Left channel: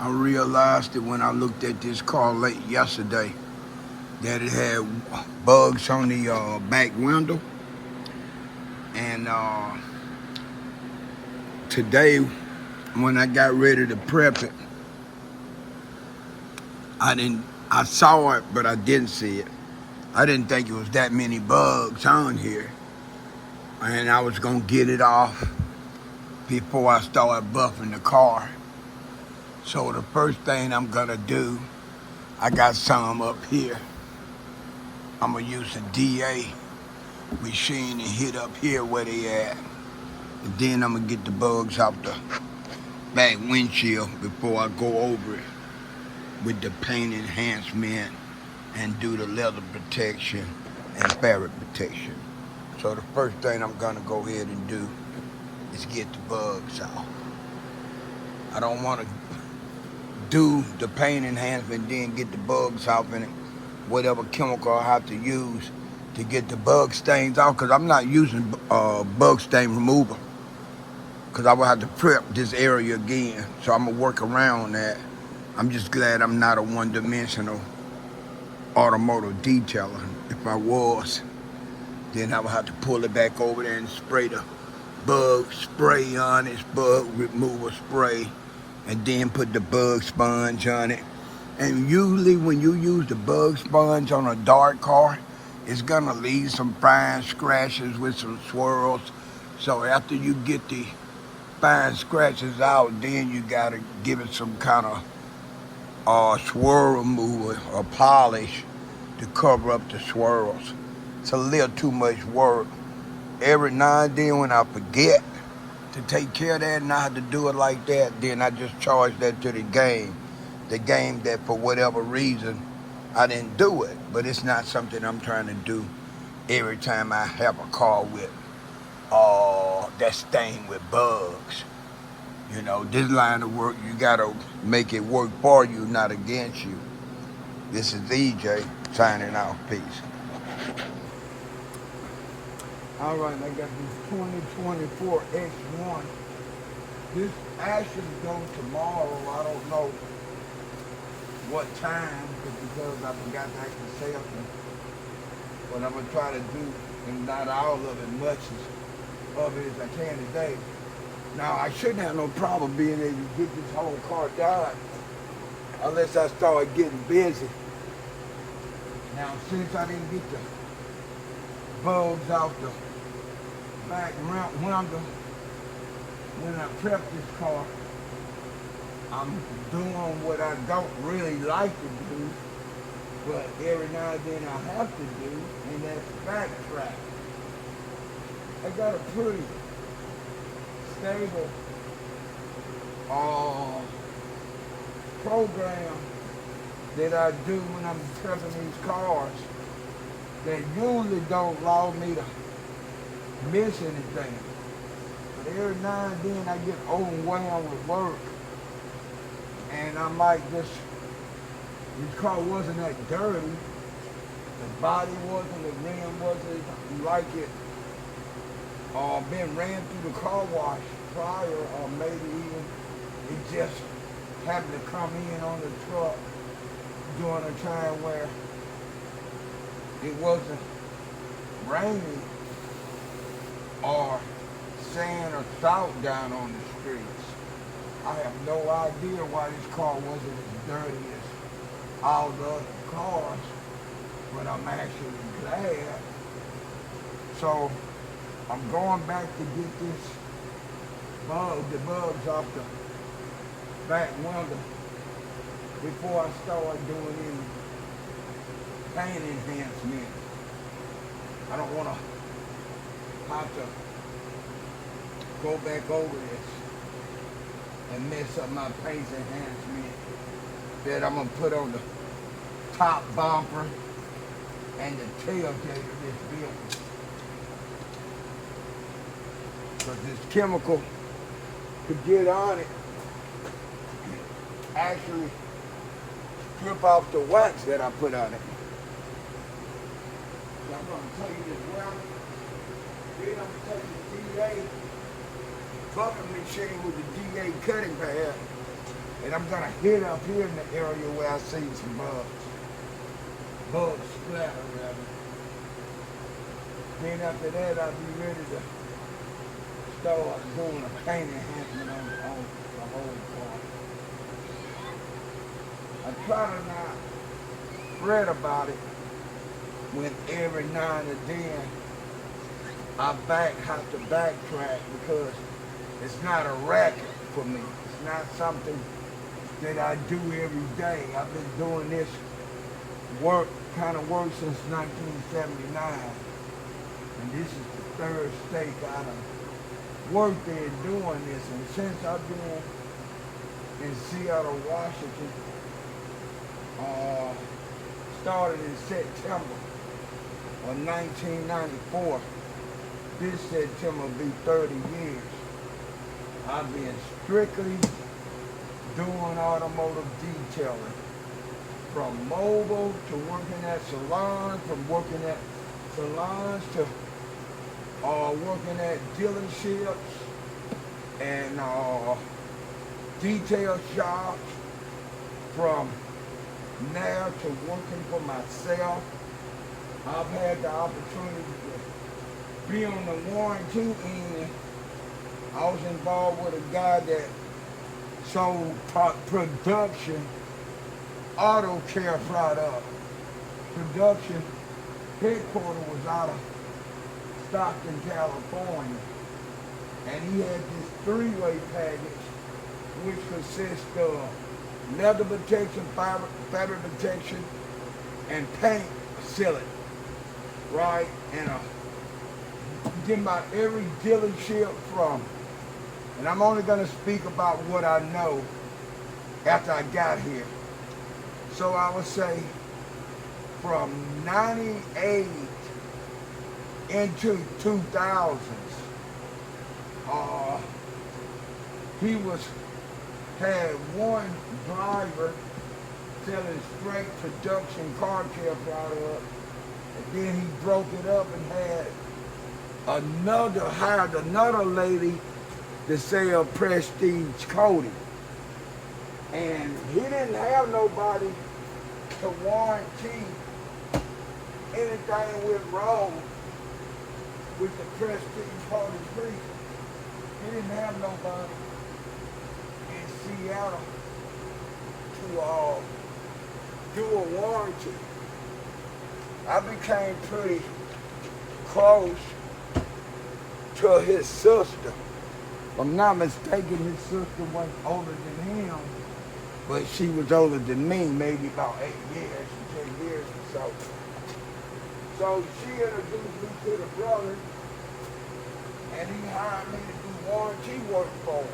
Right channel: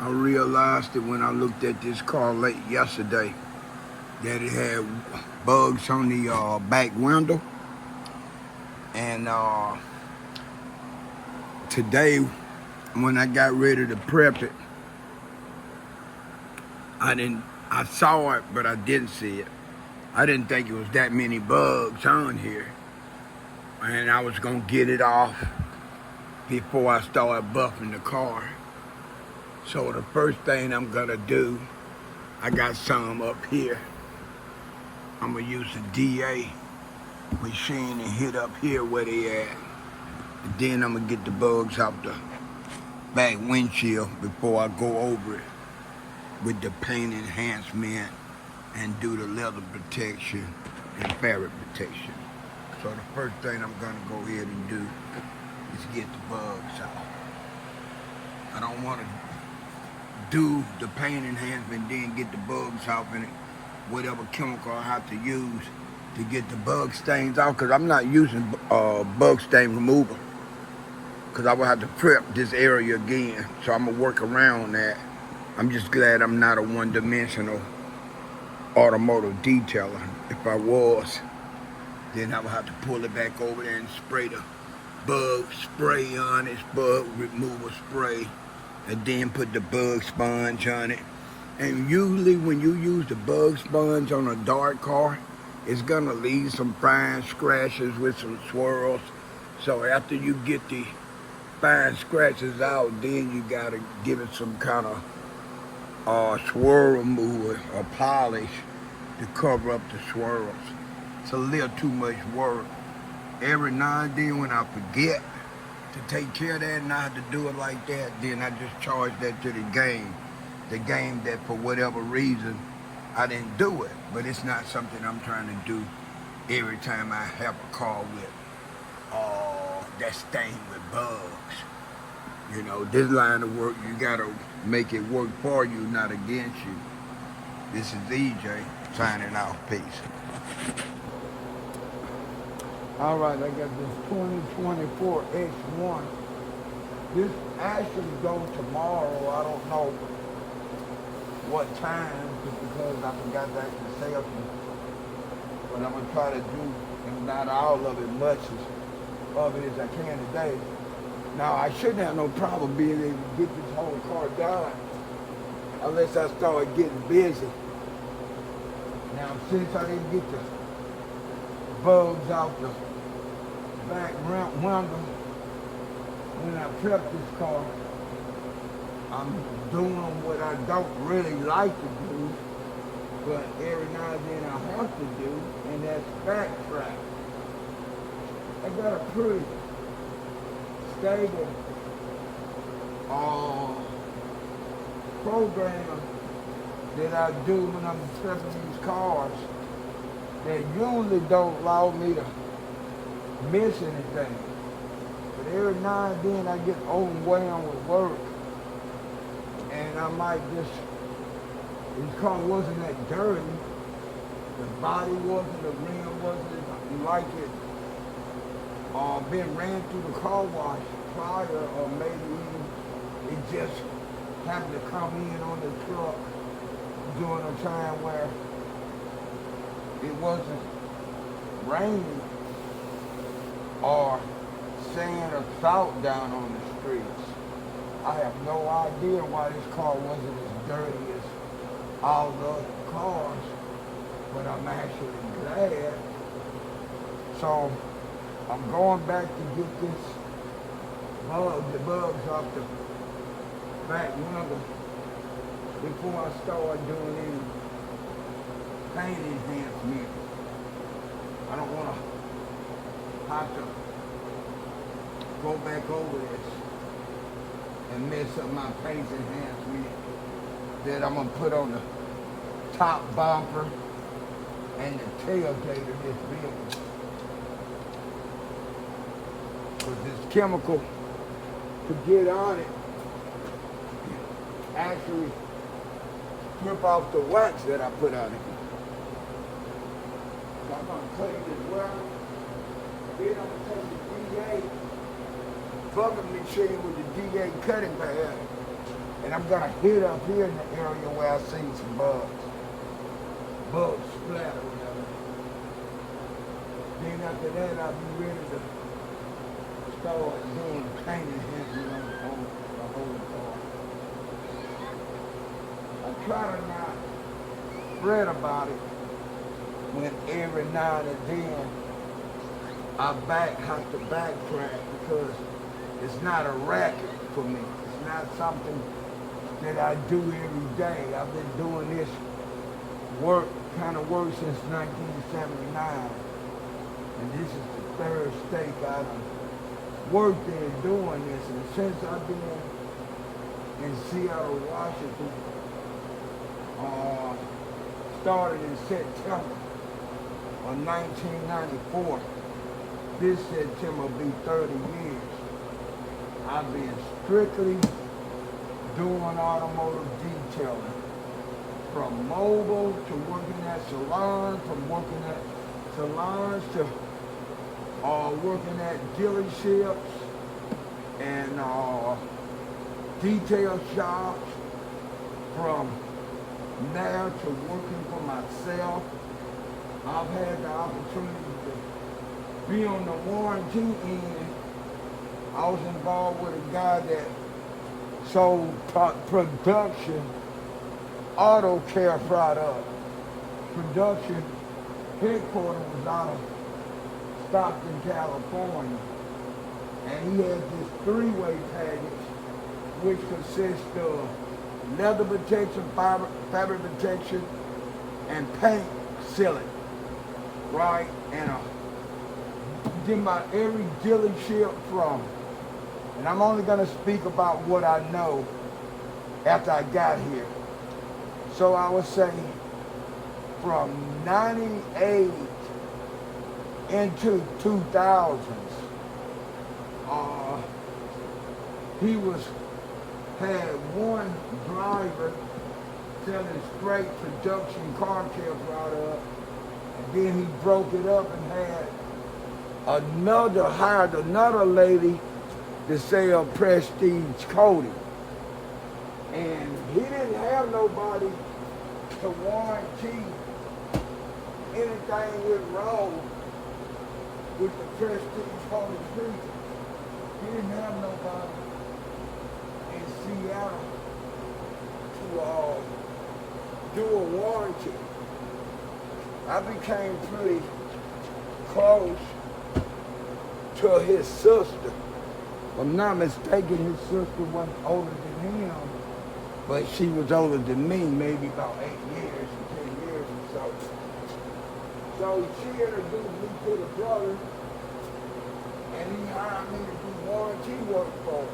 I realized that when I looked at this car late yesterday that it had bugs on the back window. And today, when I got ready to prep it, I saw it, but I didn't see it. I didn't think it was that many bugs on here. And I was gonna get it off before I started buffing the car. So the first thing I'm gonna do, I got some up here. I'm gonna use a DA machine and hit up here where they at. And then I'm gonna get the bugs off the back windshield before I go over it with the paint enhancement and do the leather protection and fabric protection. So the first thing I'm gonna go ahead and do is get the bugs out. I don't wanna do the paint enhancement then get the bugs off in it, whatever chemical I have to use to get the bug stains out, because I'm not using bug stain remover, because I will have to prep this area again. So I'm gonna work around that. I'm just glad I'm not a one-dimensional automotive detailer. If I was, then I would have to pull it back over there and spray the bug spray on it, bug remover spray, and then put the bug sponge on it. And usually when you use the bug sponge on a dark car, it's gonna leave some fine scratches with some swirls. So after you get the fine scratches out, then you gotta give it some kind of swirl remover or polish to cover up the swirls. It's a little too much work. Every now and then when I forget to take care of that and I have to do it like that, then I just charge that to the game. The game that for whatever reason I didn't do it, but it's not something I'm trying to do every time I have a car with that's stained with bugs. You know, this line of work, you gotta make it work for you, not against you. This is EJ signing off. Peace. All right, I got this 2024 X1. This actually goes tomorrow. I don't know what time, because I forgot to actually say something. But I'm gonna try to do, and not all of it, much of it as I can today. Now, I shouldn't have no problem being able to get this whole car done unless I start getting busy. Now, since I didn't get the bugs out the back window when I prepped this car, I'm doing what I don't really like to do, but every now and then I have to do, and that's backtrack. I got a pretty stable program that I do when I'm prepping these cars that usually don't allow me to miss anything. But every now and then I get overwhelmed with work, and I might just, his car wasn't that dirty, the body wasn't, the rim wasn't like it been ran through the car wash prior, or maybe even it just happened to come in on the truck during a time where it wasn't raining or sand or salt down on the streets. I have no idea why this car wasn't as dirty as all the other cars, but I'm actually glad. So I'm going back to get the bugs off the back window before I start doing any paint enhancement. I don't want to have to go back over this and mess up my paint enhancement that I'm gonna put on the top bumper and the tailgate of this vehicle. Because this chemical to get on it actually strip off the wax that I put on it. So I'm gonna cut this welder, then I'm gonna take the DA buffing machine with the DA cutting pad And I'm gonna hit up here in the area where I see some bugs. Bugs splatter rather. Then after that I'll be ready to start doing a paint enhancement on the whole car. I try to not fret about it when every now and then I have to backtrack because it's not a racket for me. It's not something that I do every day. I've been doing this kind of work since 1979. And this is the third stake I done worked there doing this. And since I've been in Seattle, Washington, started in September of 1994. This September will be 30 years. I've been strictly doing automotive detailing. From mobile to working at salons, from working at salons to working at dealerships and detail shops, from now to working for myself. I've had the opportunity to be on the warranty end. I was involved with a guy that sold production auto care product. Production headquarters was out of Stockton, California. And he had this three-way package which consists of leather protection, fabric protection, and paint sealing, right? And then about every dealership from, and I'm only gonna speak about what I know after I got here. So I would say from 98 into 2000s, he had one driver selling straight production car care product, and then he broke it up and hired another lady to sell prestige coating. And he didn't have nobody to warranty anything went wrong with the prestige coating grease. He didn't have nobody in Seattle to do a warranty. I became pretty close to his sister. If I'm not mistaken, his sister wasn't older than him, but she was older than me, maybe about 8 years or 10 years or so. So she introduced me to the brother, and he hired me to do warranty work for him.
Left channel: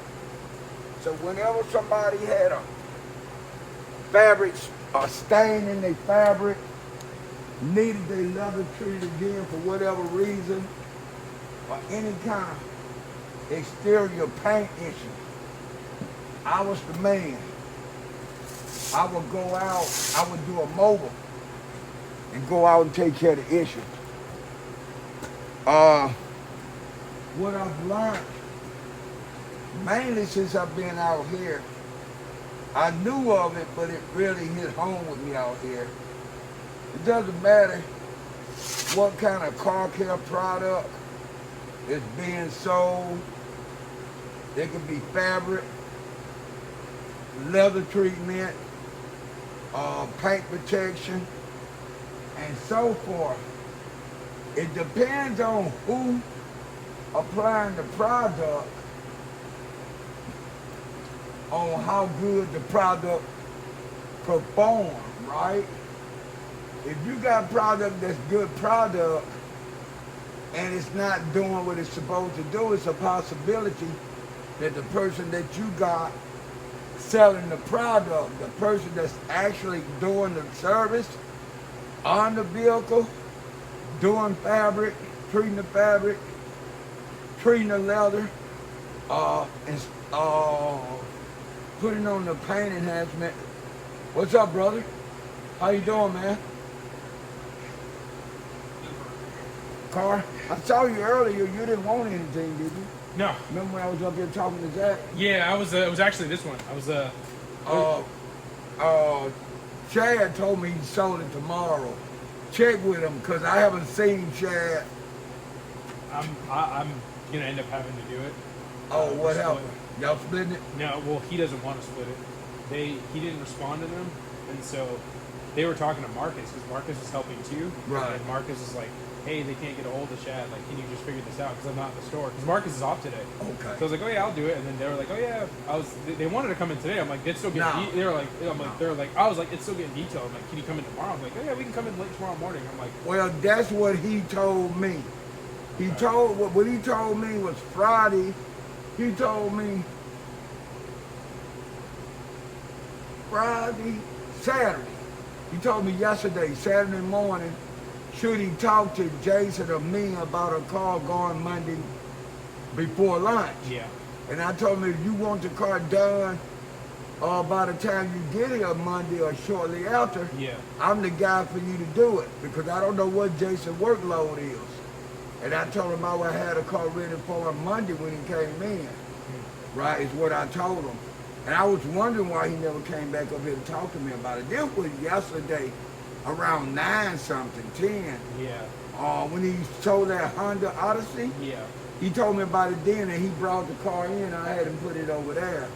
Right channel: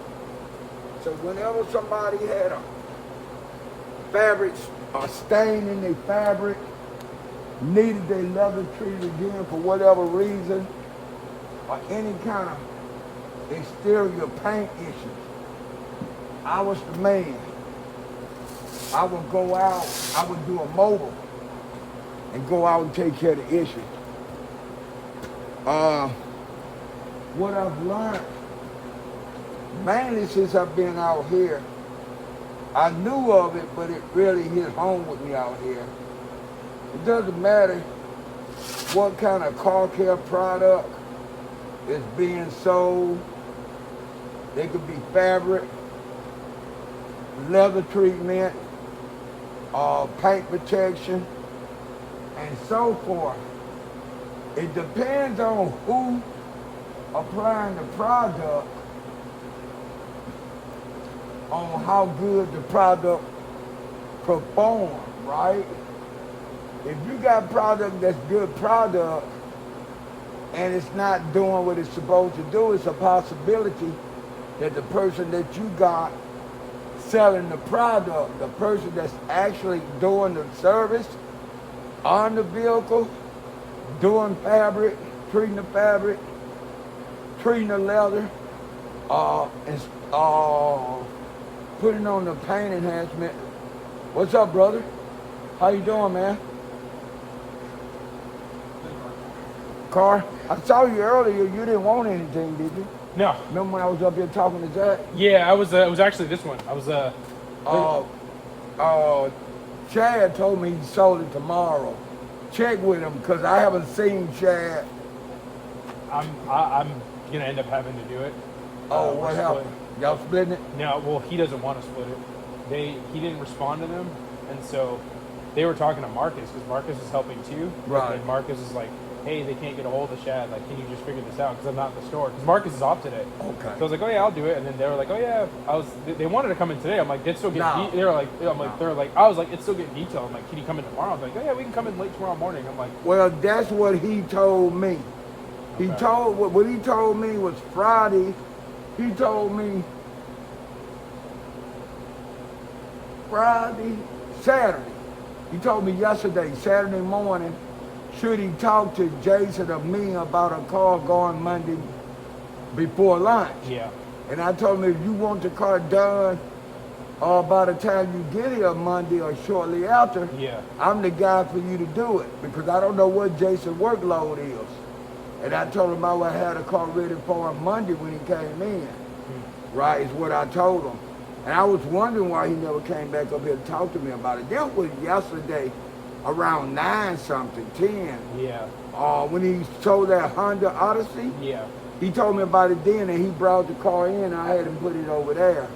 So whenever somebody had a fabric, a stain in their fabric, needed their leather treated again for whatever reason, or any kind of exterior paint issues, I was the man. I would go out, I would do a mobile and go out and take care of the issues. What I've learned, mainly since I've been out here, I knew of it, but it really hit home with me out here. It doesn't matter what kind of car care product is being sold. They could be fabric, leather treatment, paint protection, and so forth. It depends on who applying the product on how good the product performs, right? If you got product that's good product and it's not doing what it's supposed to do, it's a possibility that the person that you got selling the product, the person that's actually doing the service on the vehicle, doing fabric, treating the fabric, treating the leather, and putting on the paint enhancement. What's up, brother? How you doing, man? Car? I saw you earlier. You didn't want anything, did you? No. Remember when I was up here talking to Jack? Yeah, I was. It was actually this one. I was Uh, uh, Chad told me he sold it tomorrow. Check with him because I haven't seen Chad. I'm gonna end up having to do it. Oh, We're what happened? Y'all splitting it? No, well, he doesn't want to split it. He didn't respond to them, and so they were talking to Marcus because Marcus is helping too. Right. And Marcus is like, "Hey, they can't get a hold of Chad. Like, can you just figure this out? Because I'm not in the store. Because Marcus is off today." Okay. So I was like, "Oh yeah, I'll do it." And then they were like, "Oh yeah, They wanted to come in today. I'm like, "It's still getting." No. They were like, "I'm like, No. they're like," I was like, "It's still getting detailed." I'm like, "Can you come in tomorrow?" I'm like, "Oh yeah, we can come in late tomorrow morning." I'm like, Well, that's what he told me. He Okay. told what he told me was Friday. He told me Saturday. He told me yesterday, Saturday morning, should he talk to Jason or me about a car going Monday before lunch? "Yeah, And I told him if you want the car done by the time you get here Monday or shortly after, yeah, I'm the guy for you to do it because I don't know what Jason's workload is. And I told him I would have the car ready for him Monday when he came in. Right, is what I told him. And I was wondering why he never came back up here to talk to me about it. This was yesterday around 9 something, 10. yeah, When he sold that Honda Odyssey, yeah." he told me about it then and he brought the car in and I had him put it over there.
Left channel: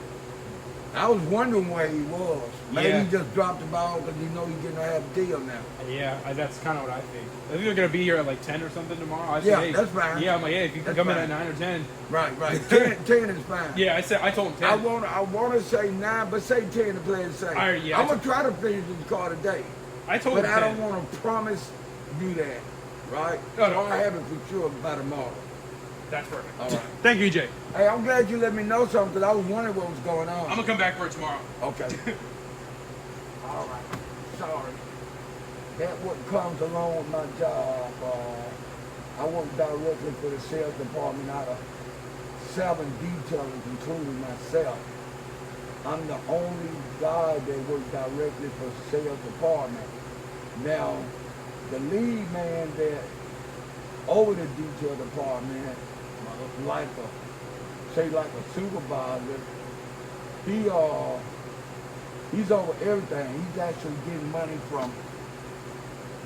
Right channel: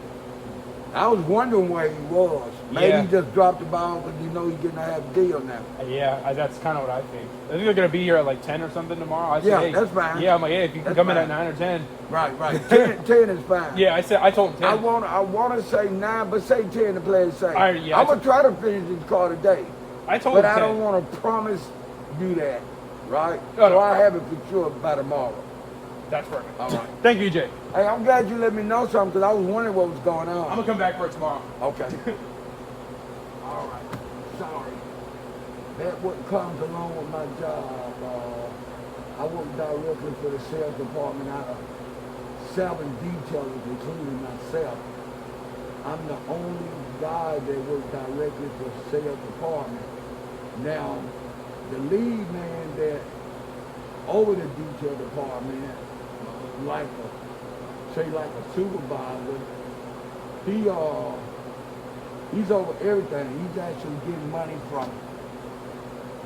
I was wondering where he was. Maybe Yeah. he just dropped the ball because you know he's getting a half deal now. Yeah, that's kind of what I think. I think they're gonna be here at like 10 or something tomorrow. I said, Yeah, "Hey," that's fine. Yeah, I'm like, "Hey, if you can That's come in fine. at 9 or 10." Right. 10 is fine. Yeah, I told him 10. I want to say 9, but say 10 to play it safe. All right, yeah, I'm going to try to finish this car today. I told But him I 10. don't want to promise you that, right? No, So no. I have it for sure by tomorrow. That's perfect. All right. Thank you, EJ. Hey, I'm glad you let me know something because I was wondering what was going on. I'm gonna come back for it tomorrow. Okay. All right. Sorry. That what comes along with my job. I work directly for the sales department out of 7 detailers, including myself. I'm the only guy that works directly for the sales department. Now, the lead man that over the detail department, like a supervisor, he's over everything. He's actually getting money from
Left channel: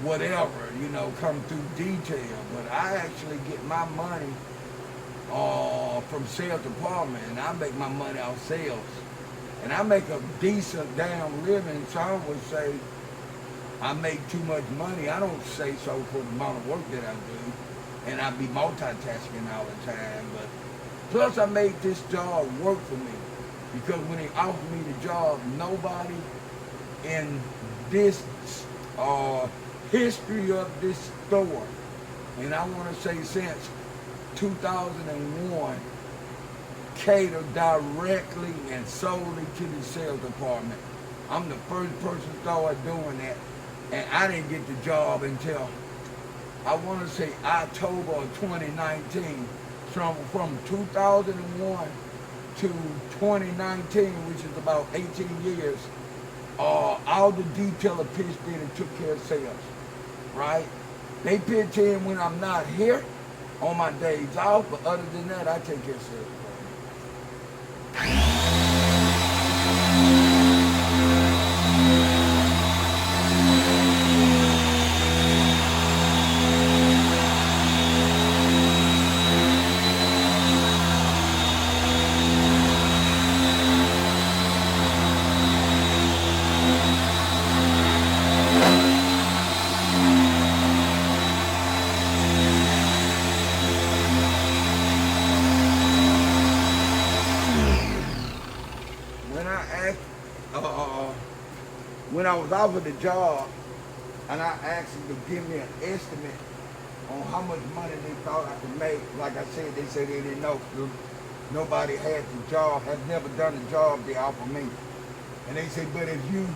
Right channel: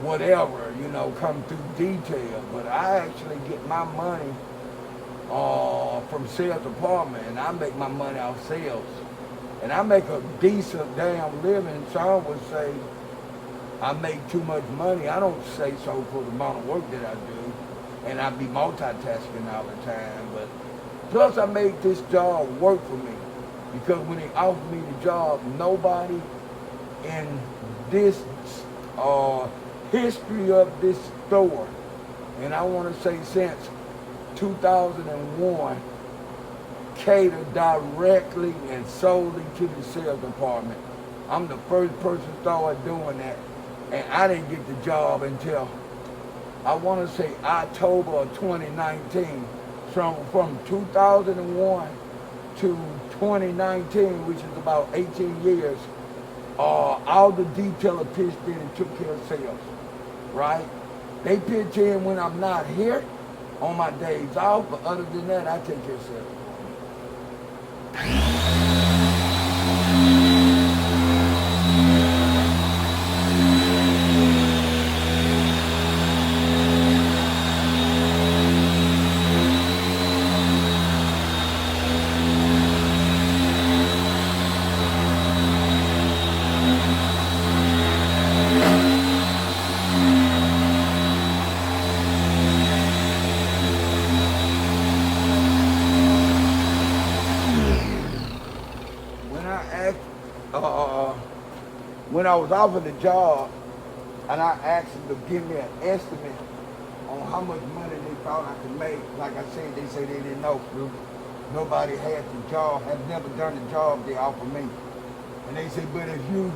whatever, come through detail. But I actually get my money from sales department, and I make my money off sales. And I make a decent damn living. Some would say I make too much money. I don't say so for the amount of work that I do. And I be multitasking all the time. But plus I made this job work for me. Because when they offered me the job, nobody in this history of this store, and I want to say since 2001, catered directly and solely to the sales department. I'm the first person started doing that, and I didn't get the job until I want to say October of 2019. From 2001 to 2019, which is about 18 years, all the detailer pitched in and took care of sales, right? They pitch in when I'm not here on my days off, but other than that, I take care of sales department. When I was offered the job, and I asked them to give me an estimate on how much money they thought I could make, like I said, they said they didn't know. Nobody had the job, had never done the job they offered me. And they said, but if you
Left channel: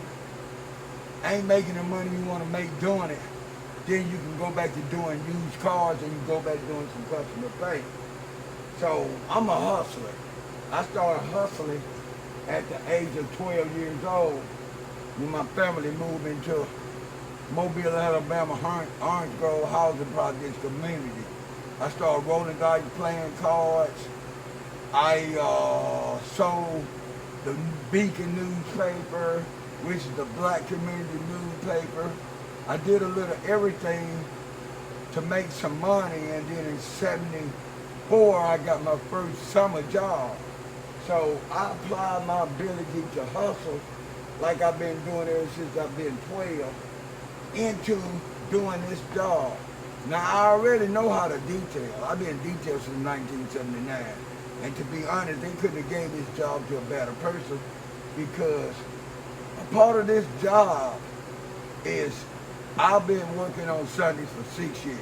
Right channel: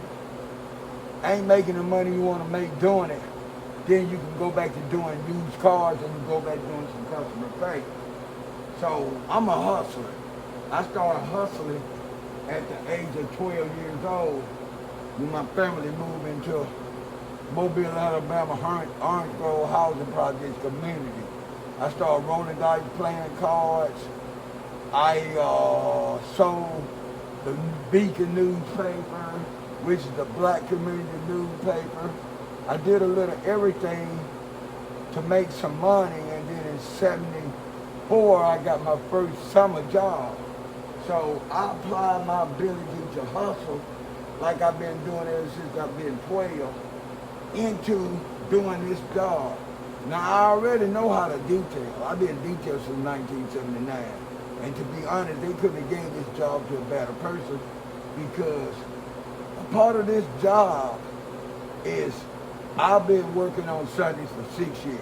ain't making the money you want to make doing it, then you can go back to doing used cars and you go back doing some customer pay. So I'm a hustler. I started hustling at the age of 12 years old when my family moved into Mobile, Alabama, Orange Grove Housing Projects community. I started rolling dice, playing cards. I sold the Beacon newspaper, which is the black community newspaper. I did a little everything to make some money, and then in '74 I got my first summer job. So I applied my ability to hustle like I've been doing ever since I've been 12 into doing this job. Now I already know how to detail. I've been detailed since 1979. And to be honest, they couldn't have gave this job to a better person, because a part of this job is I've been working on Sundays for 6 years,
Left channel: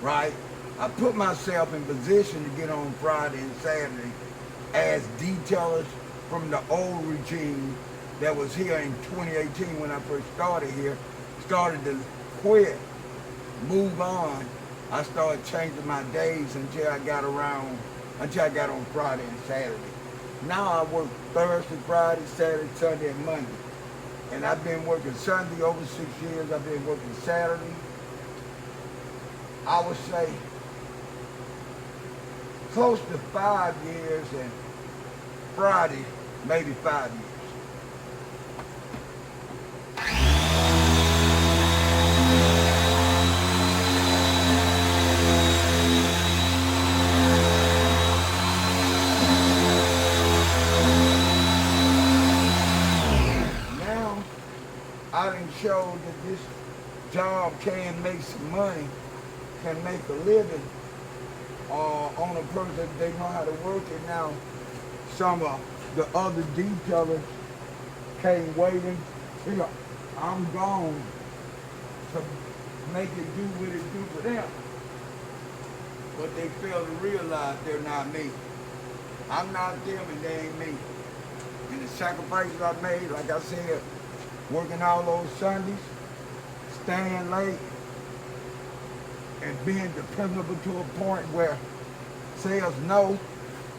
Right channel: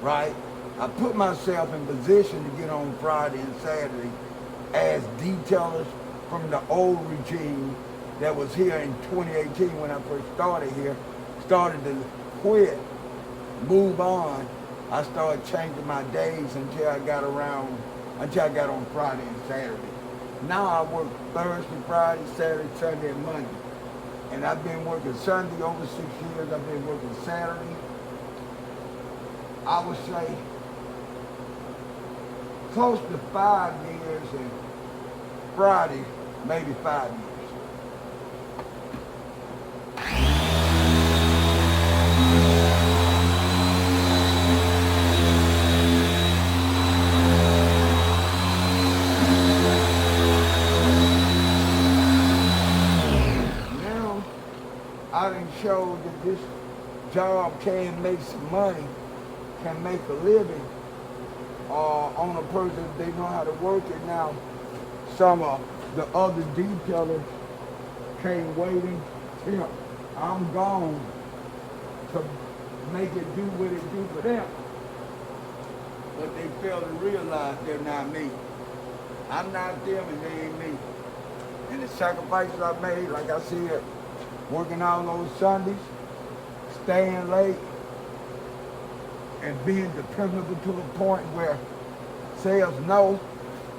right? I put myself in position to get on Friday and Saturday as detailers from the old regime that was here in 2018 when I first started here, started to quit, move on. I started changing my days until I got on Friday and Saturday. Now I work Thursday, Friday, Saturday, Sunday, and Monday. And I've been working Sunday over 6 years. I've been working Saturday, I would say, close to 5 years, and Friday, maybe 5 years. Now, I done showed that this job can make some money, can make a living on a person. They know how to work it. Now, some of the other detailers came waiting till I'm gone to make it do what it do for them. But they fail to realize they're not me. I'm not them and they ain't me. And the sacrifices I made, like I said, working all those Sundays, staying late, and being dependable to a point where sales know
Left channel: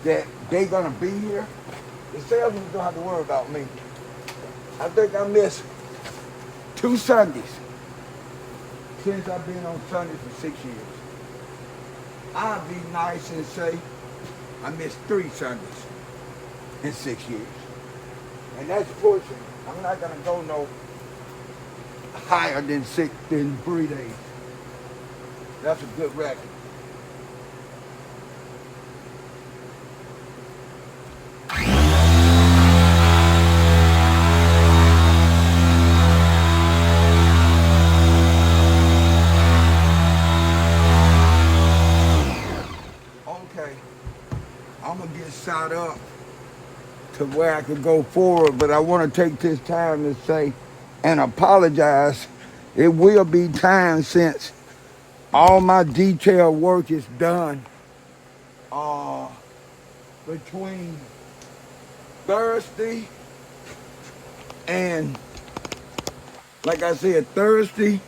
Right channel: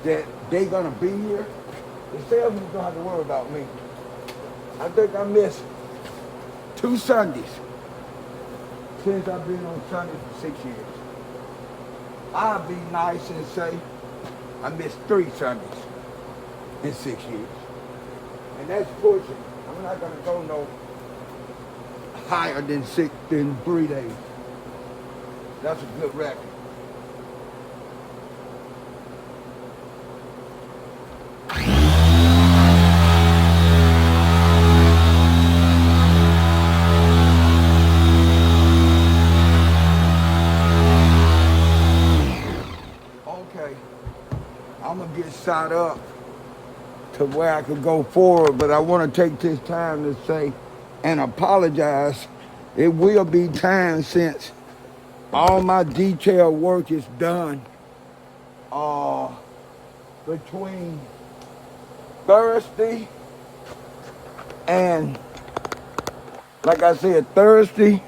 that they're gonna be here, the salesmen don't have to worry about me. I think I missed 2 Sundays since I've been on Sunday for 6 years. I'll be nice and say I missed 3 Sundays in 6 years. And that's pushing. I'm not gonna go no higher than 3 days. That's a good record. Okay, I'm gonna get shot up to where I could go forward, but I want to take this time to say and apologize. It will be time since all my detail work is done between Thursday and, like I said, Thursday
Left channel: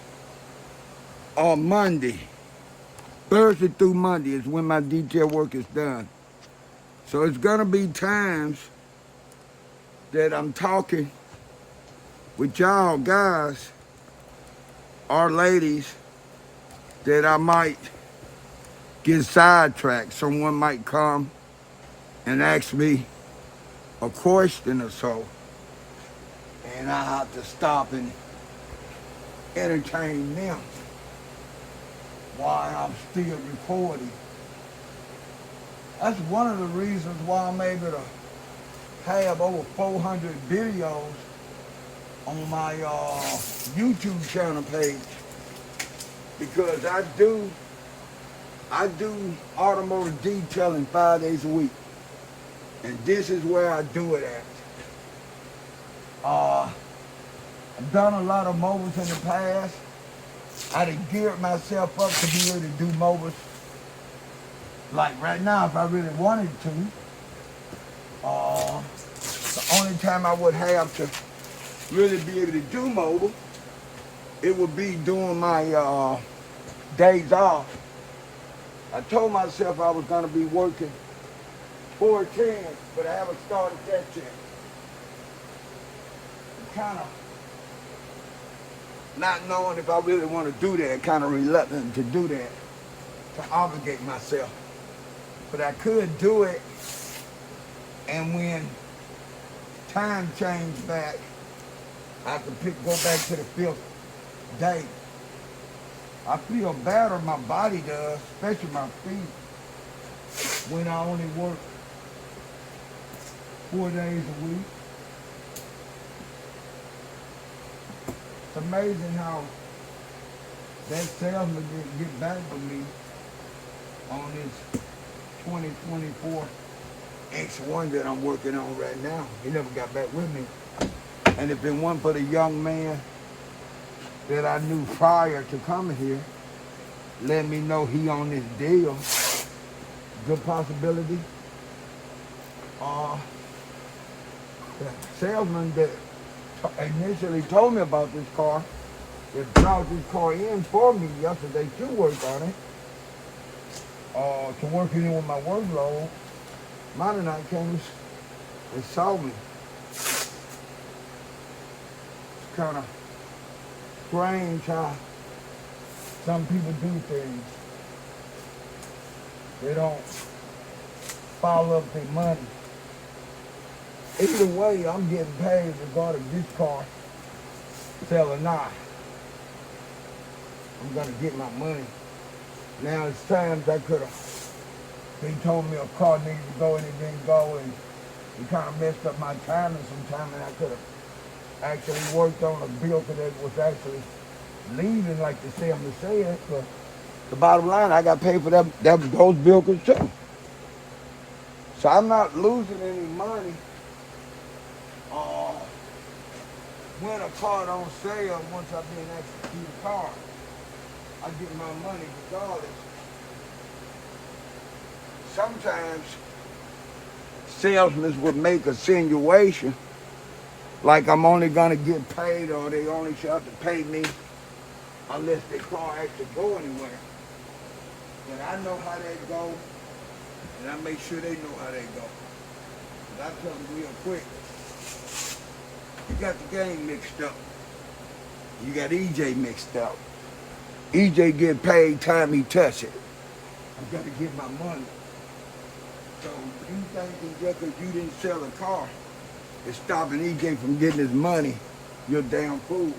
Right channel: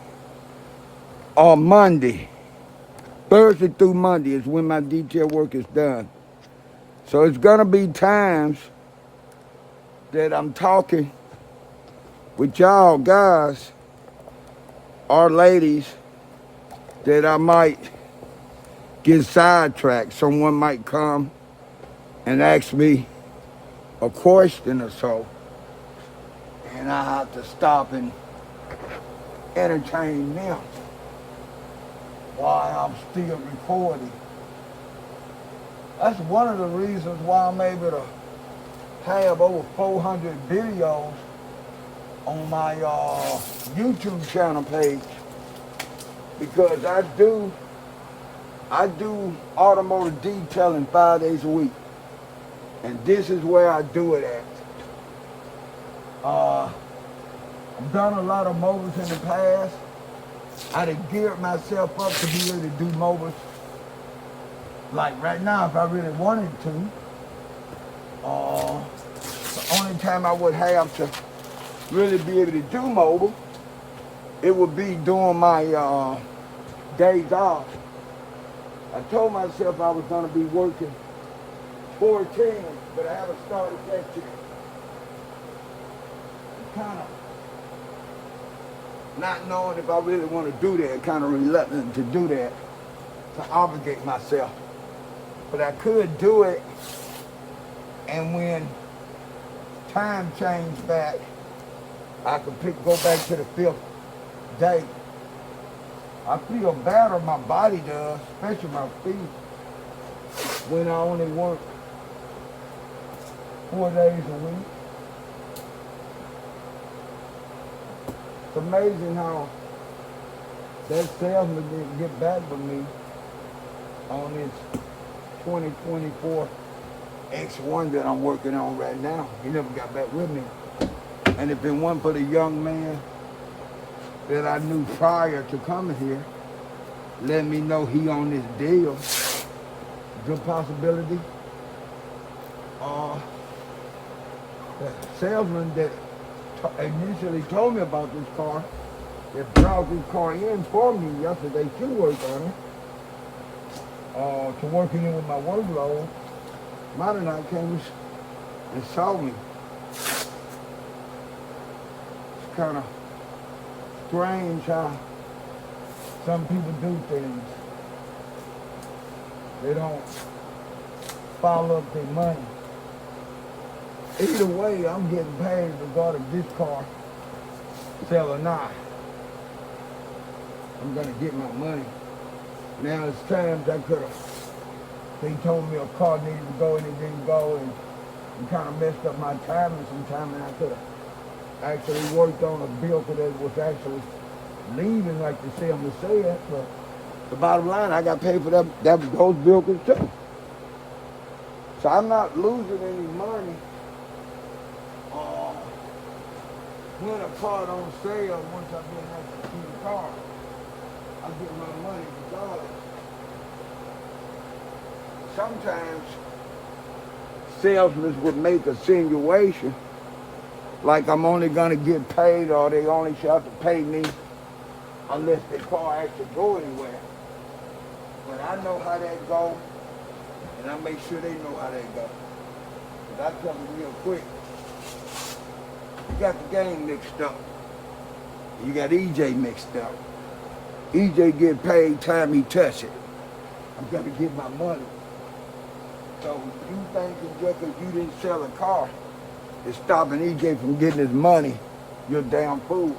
or Monday. Thursday through Monday is when my detail work is done. So it's gonna be times that I'm talking with y'all guys or ladies that I might get sidetracked. Someone might come and ask me a question or so, and I have to stop and entertain them while I'm still recording. That's one of the reasons why I'm able to have over 400 videos on my YouTube channel page, because I do automotive detailing 5 days a week, and this is where I do it at. I've done a lot of mobiles in the past. I'd have geared myself up to be able to do mobiles like right now if I really wanted to. The only time I would have to really be able to do mobile, it would be during my days off. I told myself I was gonna be working 4/10, but I haven't started that yet. Kind of not knowing if I really want to do that, kind of reluctant to do that, to obligate myself. But I could do it, and when time change back, I could go back to the 5th day. I feel better, my body does, especially my feet, when I only work 4 days a week. It's amazing how that salesman didn't get back with me on this 2024 X1 that I'm working on right now. He never got back with me. And if it wasn't for the young man that I knew prior to coming here, let me know he on this deal, good possibility. The salesman that initially told me about this car, that brought this car in for me yesterday to work on it, to work it in with my workload, Monday night came and saw me. It's kind of strange how some people do things. They don't follow up their money. Either way, I'm getting paid regardless of this car sell or not. I'm gonna get my money. Now it's times I could have, they told me a car needed to go and it didn't go, and it kind of messed up my timing sometime, and I could have actually worked on a vehicle that was actually leaving like the salesman said, but the bottom line, I got paid for those vehicles too. So I'm not losing any money when a car don't sell once I've been executing the car. I get my money regardless. Sometimes salesmen would make a insinuation like I'm only gonna get paid, or they only should have to pay me unless the car actually go anywhere. But I know how that go, and I make sure they know how that go. But I tell them real quick, you got the game mixed up. You got EJ mixed up. EJ get paid time he touch it. I'm gonna get my money. So you thinking just because you didn't sell a car is stopping EJ from getting his money, you're damn fool.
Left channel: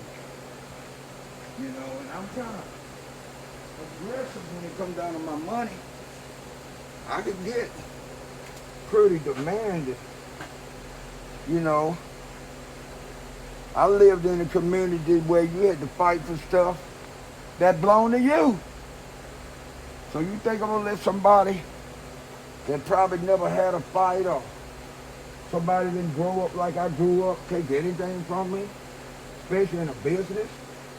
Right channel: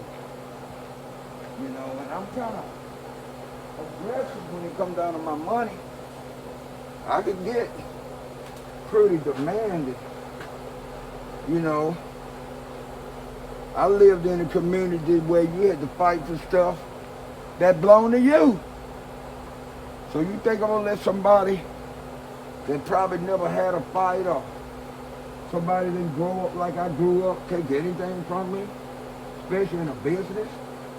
You know, and I'm kind of aggressive when it comes down to my money. I could get pretty demanding. You know, I lived in a community where you had to fight for stuff that belonged to you. So you think I'm gonna let somebody that probably never had a fight, or somebody didn't grow up like I grew up, take anything from me, especially in a business?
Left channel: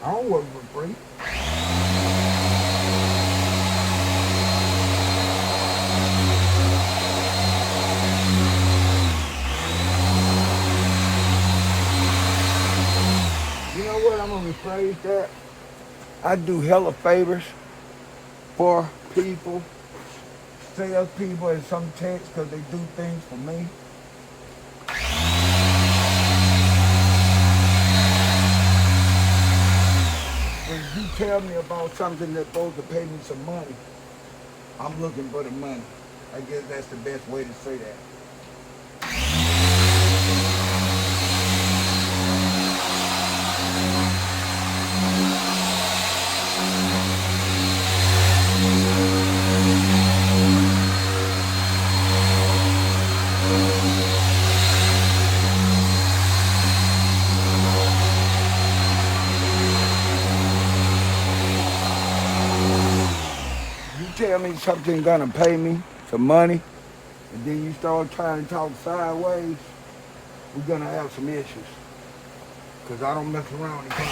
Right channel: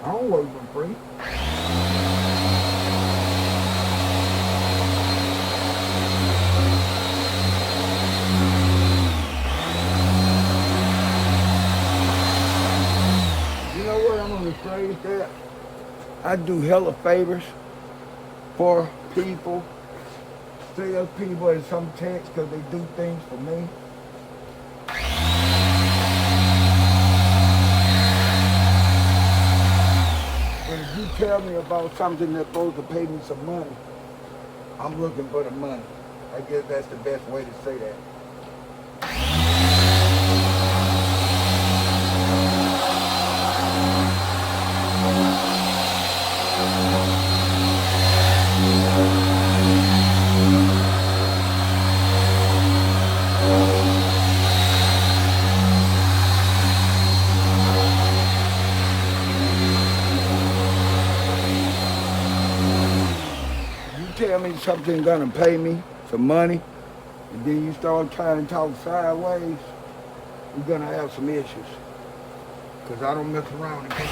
I don't work for free. You know what, I'm gonna rephrase that. I do hella favors for people, salespeople in some text, because they do things for me. And if you tell me about something that's supposed to pay me some money, I'm looking for the money. I guess that's the best way to say that. Tell me something gonna pay me some money, and then you start trying to talk sideways, we're gonna have some issues. Cause I don't mess around and come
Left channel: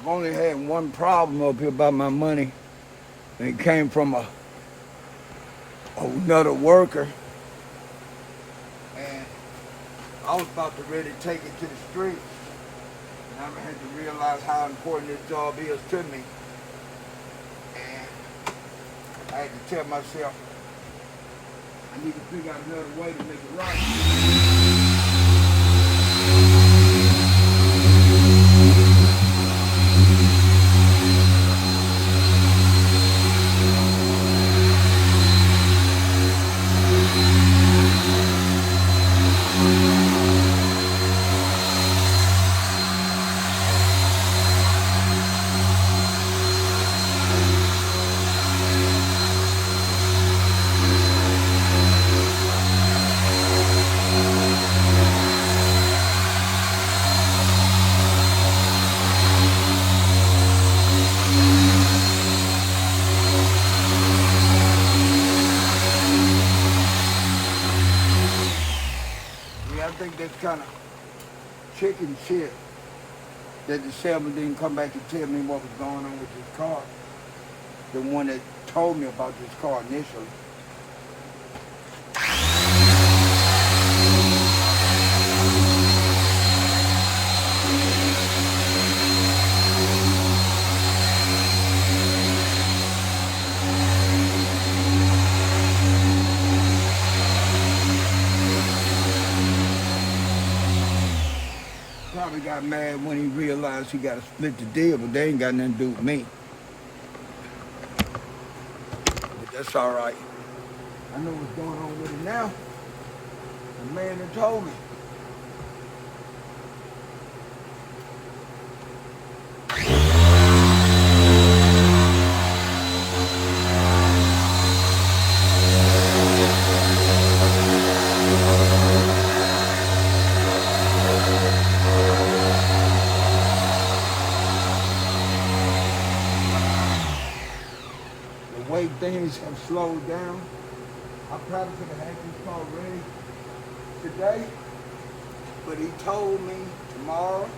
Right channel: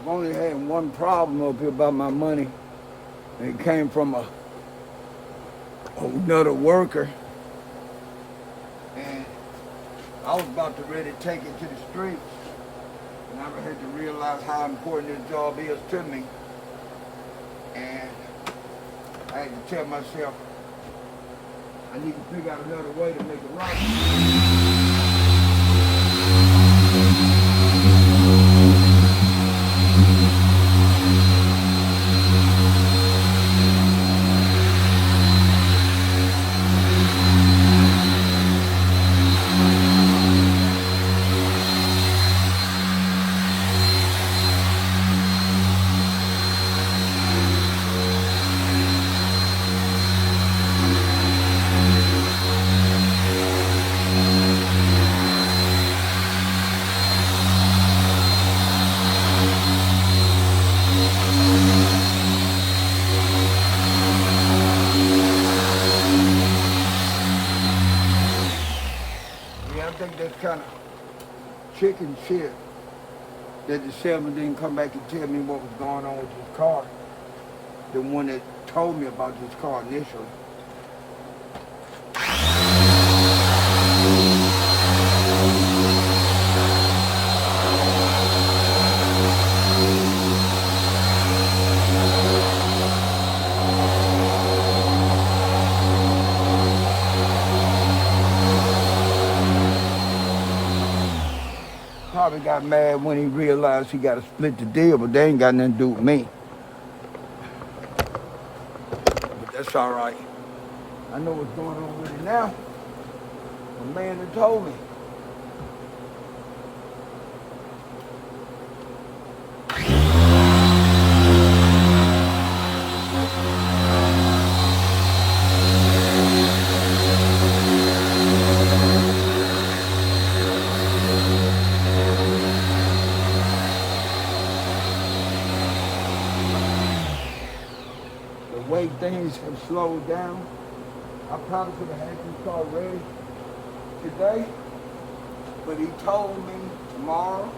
I've only had one problem up here about my money. It came from another worker, and I was about to ready to take it to the streets, and I had to realize how important this job is to me, and I had to tell myself I need to figure out another way to make it right. this kind of chicken shit that the salesman didn't come back and tell me what was going on with this car. The one that told me about this car initially. Probably got mad when he realized he got to split the deal, but they ain't got nothing to do with me. But that's all right. I know what's going on with it now. The man that told me. The way things have slowed down, I probably could have had this car ready today, but he told me tomorrow,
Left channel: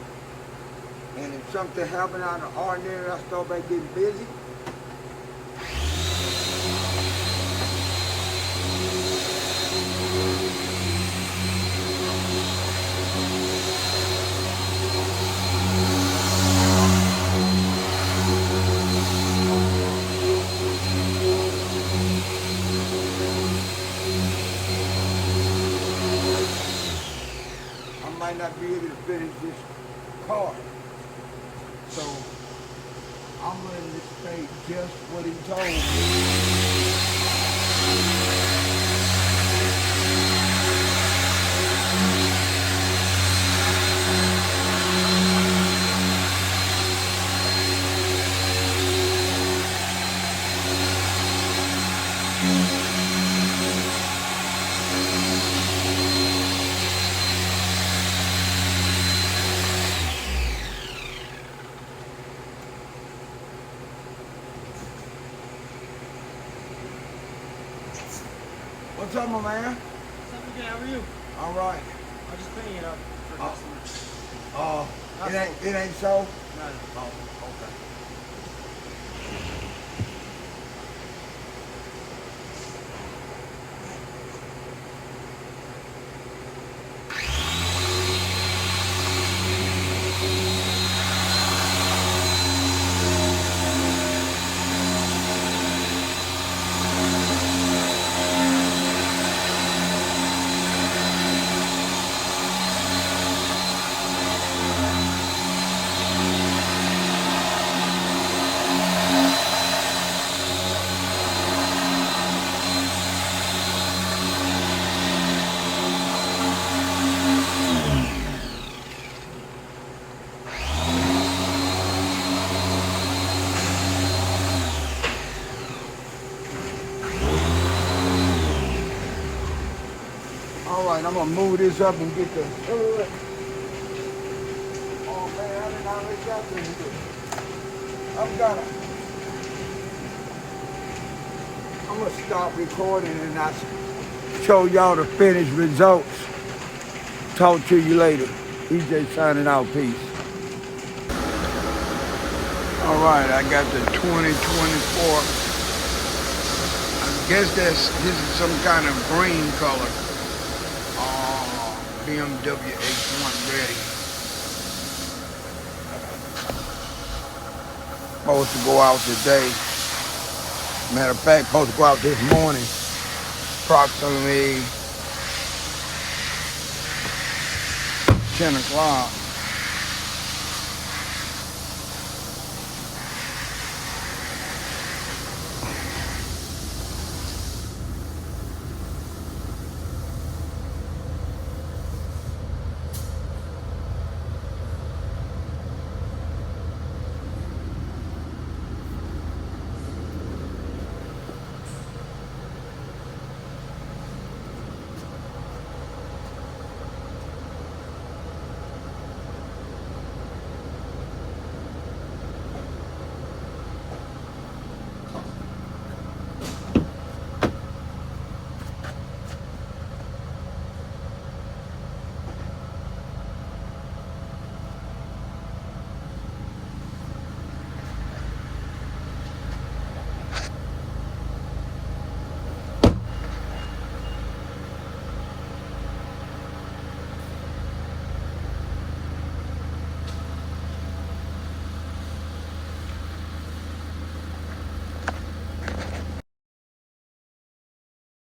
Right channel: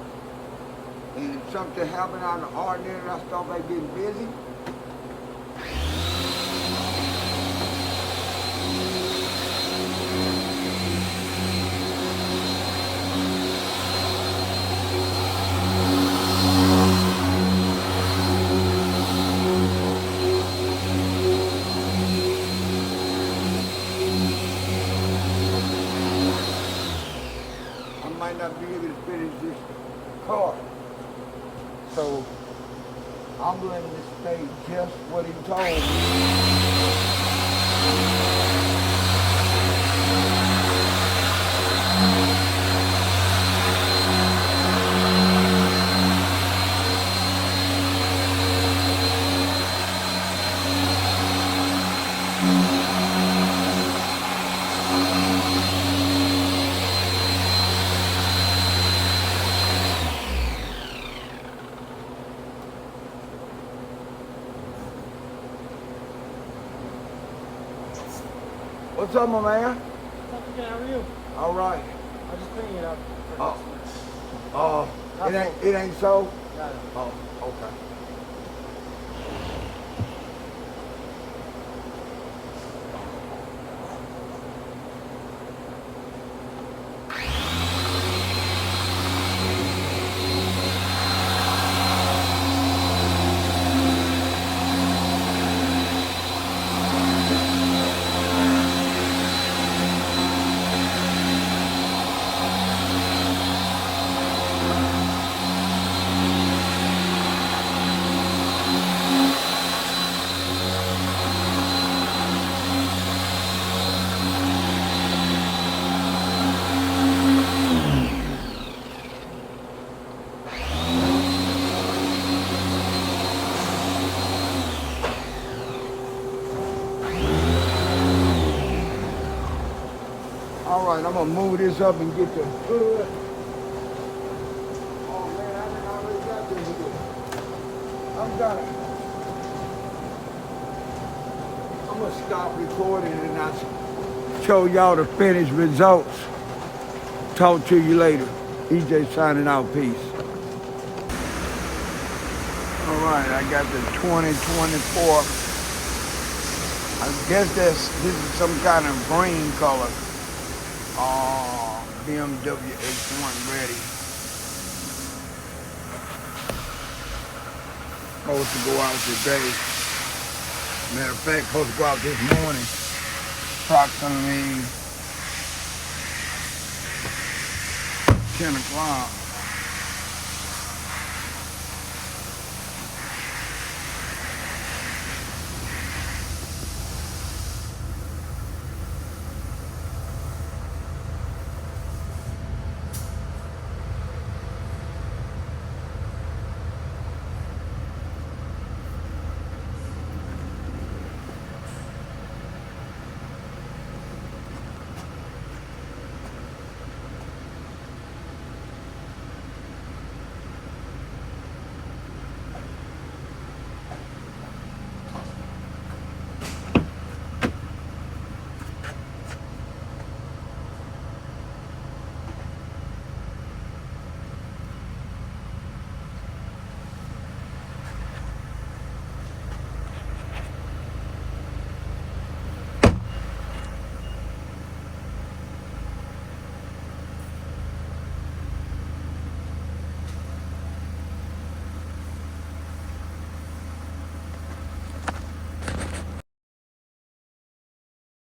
and if something happened out of the ordinary, I start back getting busy. I might not be able to finish this car. So I'm letting this stay just what he told me. What's up, my man? How are you? All right. I just put you up. It ain't so? Right. Oh, okay. All right, I'm gonna move this up and get the hood. Oh man, I already got this here. I'm gonna stop recording and I show y'all the finished results. Talk to you later. EJ signing out, peace. All right, I got the 2024. I guess this is some kind of green color. BMW X1 ready. Supposed to go out today. Matter of fact, supposed to go out this morning. Approximately 10 o'clock.